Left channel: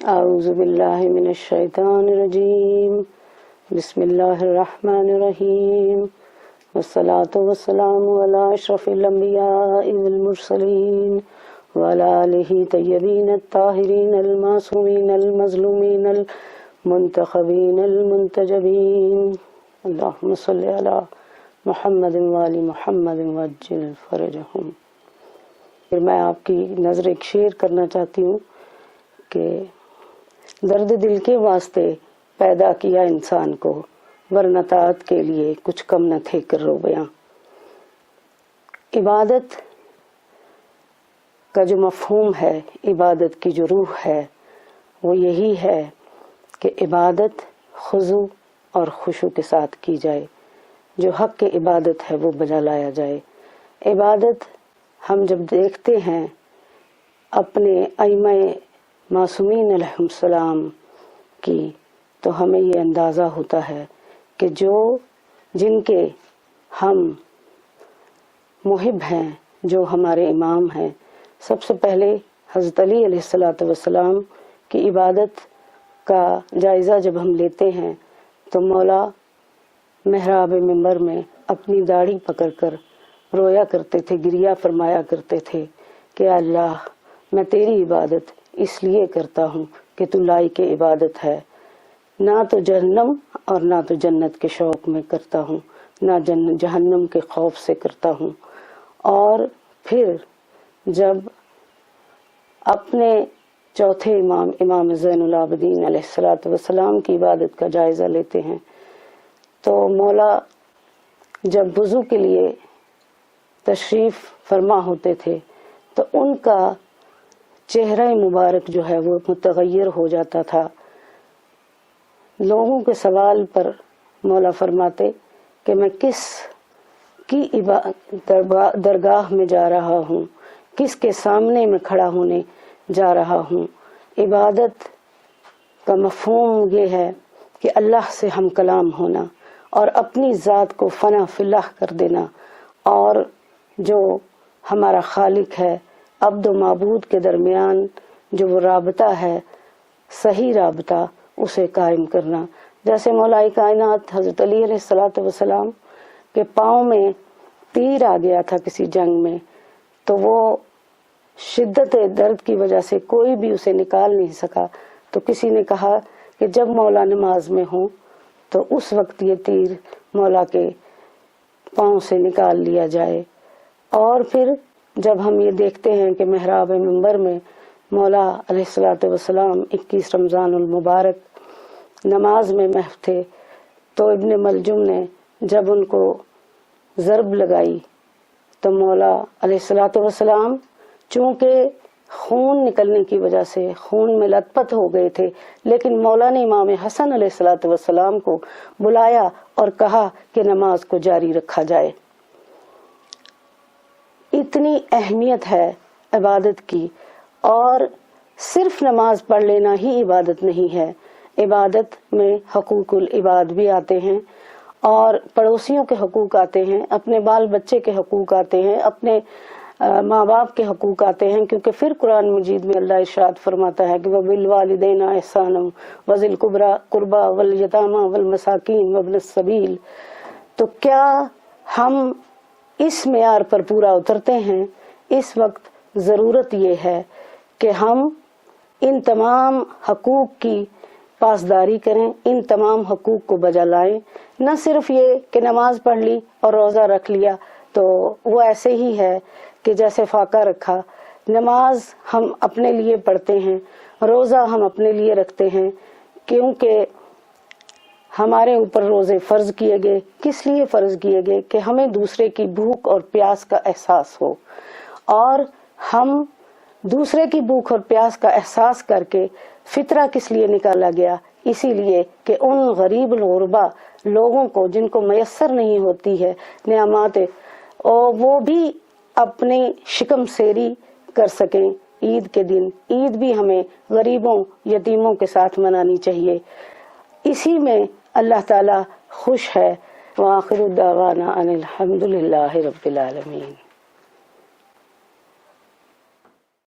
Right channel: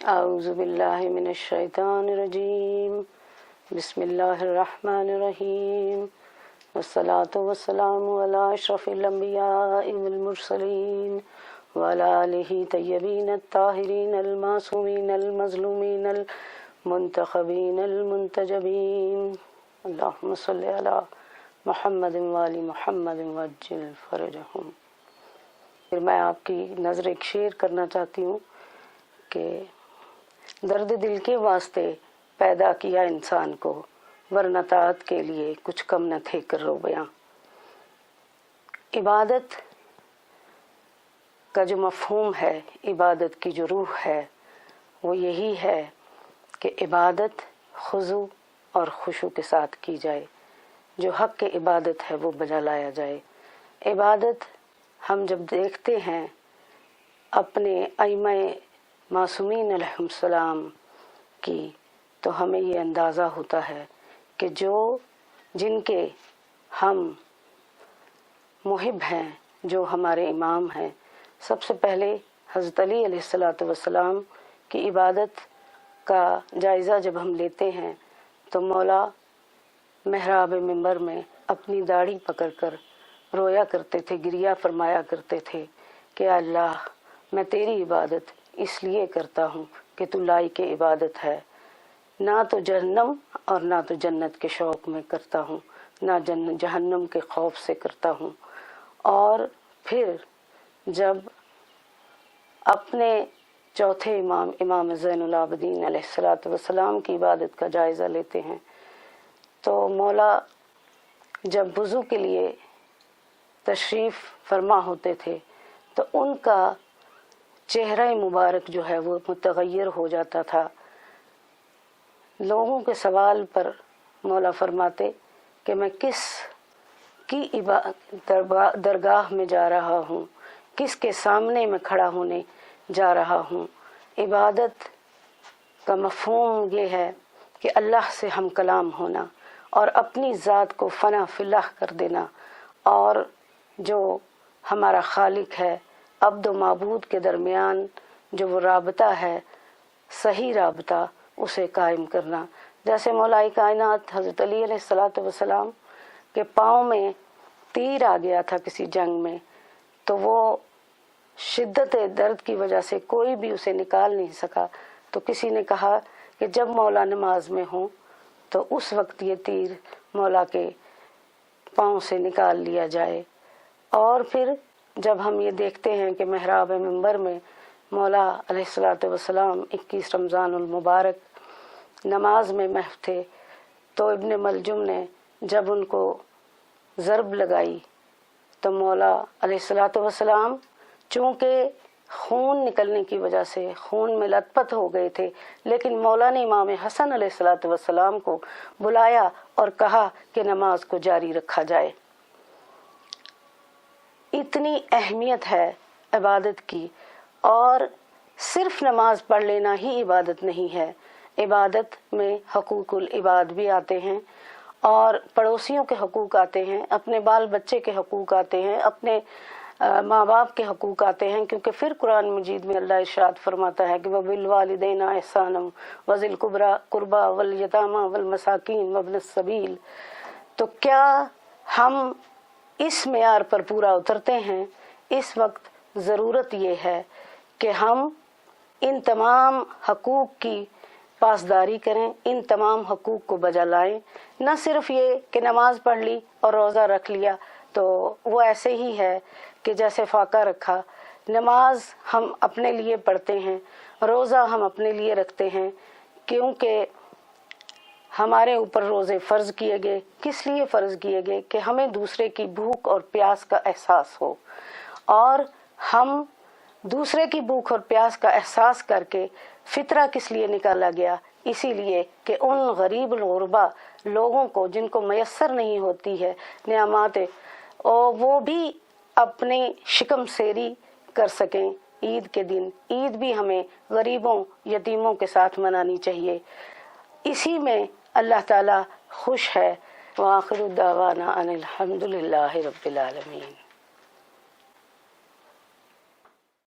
اعوذ باللہ من الشیطان الرجیم بسم اللہ الرحمن الرحیم والصلاة والسلام علی اشرف الانبیاء والمرسلین وعلی آلہ طیبین الطاہرین المعصومین المظلومین المنتخبین المنتجبین اللہم صلی علی محمد وآل محمد وعجل فرجہم۔ پھر میں آپ کی نظر ایک شعر کرنا چاہتی ہوں کہ درد دل کے واسطے پیدا کیا انسان کو، ورنہ طاعت کے لیے کچھ کم نہ تھے کرو بیاں۔ عبادت کا جو مفہوم ہے، عبادت کی جو روح ہے، وہ یہی ہے کہ عبادت خضوع اور خشوع کے ساتھ کی جائے، جو حق کی عبادت ہے وہ بجا لایا جائے۔ عبادت ہم جب دیکھتے ہیں اپنے ائمہ معصومین علیہ السلام کی، تو ہمیں یہ اندازہ ہوتا ہے کہ جن کے ہم محب ہیں، جو ہمارے امام ہیں، سب سے پہلے حضرت علی علیہ السلام کی عبادت کا جائزہ جب ہم لیتے ہیں تو مولا محراب منبر میں اپنی داڑھی پکڑ کر رویا کرتے تھے، گریہ فرمایا کرتے تھے کہ اللہ میں تیری عبادت اس لیے کرتا ہوں کہ تو لائق عبادت ہے، نہ تو جہنم اور نہ تو جنت کے شوق میں کرتا ہوں، نہ جہنم کے خوف سے کرتا ہوں۔ اور پھر جب اپنے چوتھے امام زین العابدین علیہ السلام کی عبادت کا جائزہ لیتے ہیں تو مولا جب وضو کے لیے تشریف فرما ہوتے تھے تو ان کا چہرہ مبارک جو ہے وہ متغیر ہو جاتا تھا۔ لوگوں کے سوال پر مولا فرماتے کہ میں کس کی درگاہ میں جا رہا ہوں، کس کے سامنے میں کھڑا ہونے جا رہا ہوں۔ عبادت کا مفہوم یہ ہے کہ اللہ سے ہم کلام ہونا اور اپنی ذات کو فنا فلاح کر دینا، اور جو ہمارا خالق ہے، عبد و معبود کے درمیان جو وہ رابطہ ہے، صحیح رابطہ، اسے قائم کرنا۔ جیسے مولا کائنات حضرت علی علیہ السلام کے پاؤں میں تیر آ گیا تھا کسی جنگ میں، تو وہ شدت درد کی وجہ سے کوئی بھی اسے نکال نہیں سکا، تو کسی نے کہا کہ جب مولا نماز میں ہوں تو اس وقت یہ تیر مولا کے پاؤں سے نکال لیا جائے۔ اور پھر جب ہم یہ دیکھتے ہیں کہ محراب منبر میں مولا علیہ السلام 21 رمضان المبارک نماز میں محو تھے، تو ابن ملجم نے جب ان کو ضرب لگائی تو مولا علیہ السلام چونکہ خون نکلنے کی وجہ سے خون میں لت پت ہو گئے تھے، لیکن مولا نے امام حسن علیہ السلام کو بلایا اور کہا کہ نماز کو جاری رکھا جائے۔ اتنی اہمیت ہے عبادت کی، اور صرف نماز پڑھ لینا ہی عبادت نہیں ہے۔ عبادت میں حقوق العباد بھی آتے ہیں، اور پڑوسیوں کے حقوق آتے ہیں، اپنے بال بچے کے حقوق آتے ہیں، اپنے ماں باپ کے حقوق آتے ہیں، کیونکہ پھر قرآن مجید میں اللہ ارشاد فرماتا ہے کہ وَبِالْوَالِدَيْنِ إِحْسَانًا وَذِي الْقُرْبَى وَالْيَتَامَى وَالْمَسَاكِينِ وَابْنِ السَّبِيلِ۔ تو کیا ہم اس معیار پر پورا اترتے ہیں؟ اس وقت ضرورت یہ ہے کہ ہم ان تمام حقوق کی پاسداری کریں، ان تمام حقوق کو بجا لائیں۔ نہ صرف یہ کہ نماز پڑھ لی اور روزہ رکھ لیا تو وہ ایسے ہی ہے کہ جیسے فاقہ رکھا۔ نماز ہم اپنے لیے پڑھتے ہیں، روزہ ہم اپنے لیے رکھتے ہیں، کیونکہ ہمارے اوپر روزے فرض کیے گئے۔ کس لیے فرض کیے گئے؟ کہ ہمیں دوسرے کی بھوک اور پیاس کا احساس ہو، اور ہم دوسرے کی بھوک اور پیاس کا احساس کر کے فطرہ کس لیے نکالا گیا؟ اسی لیے کہ ان غریب الغربا لوگوں کو جن کو میسر نہیں ہوتی ہے نعمات، اور وہ بھی اپنی شکم سیری کر سکیں عید کے دن۔ عید بھی ہمیں غریبوں یتیموں کے ساتھ منانی چاہیے، اسی میں اللہ تعالی خوش ہے۔ وآخر دعوانا ان الحمد للہ رب العالمین۔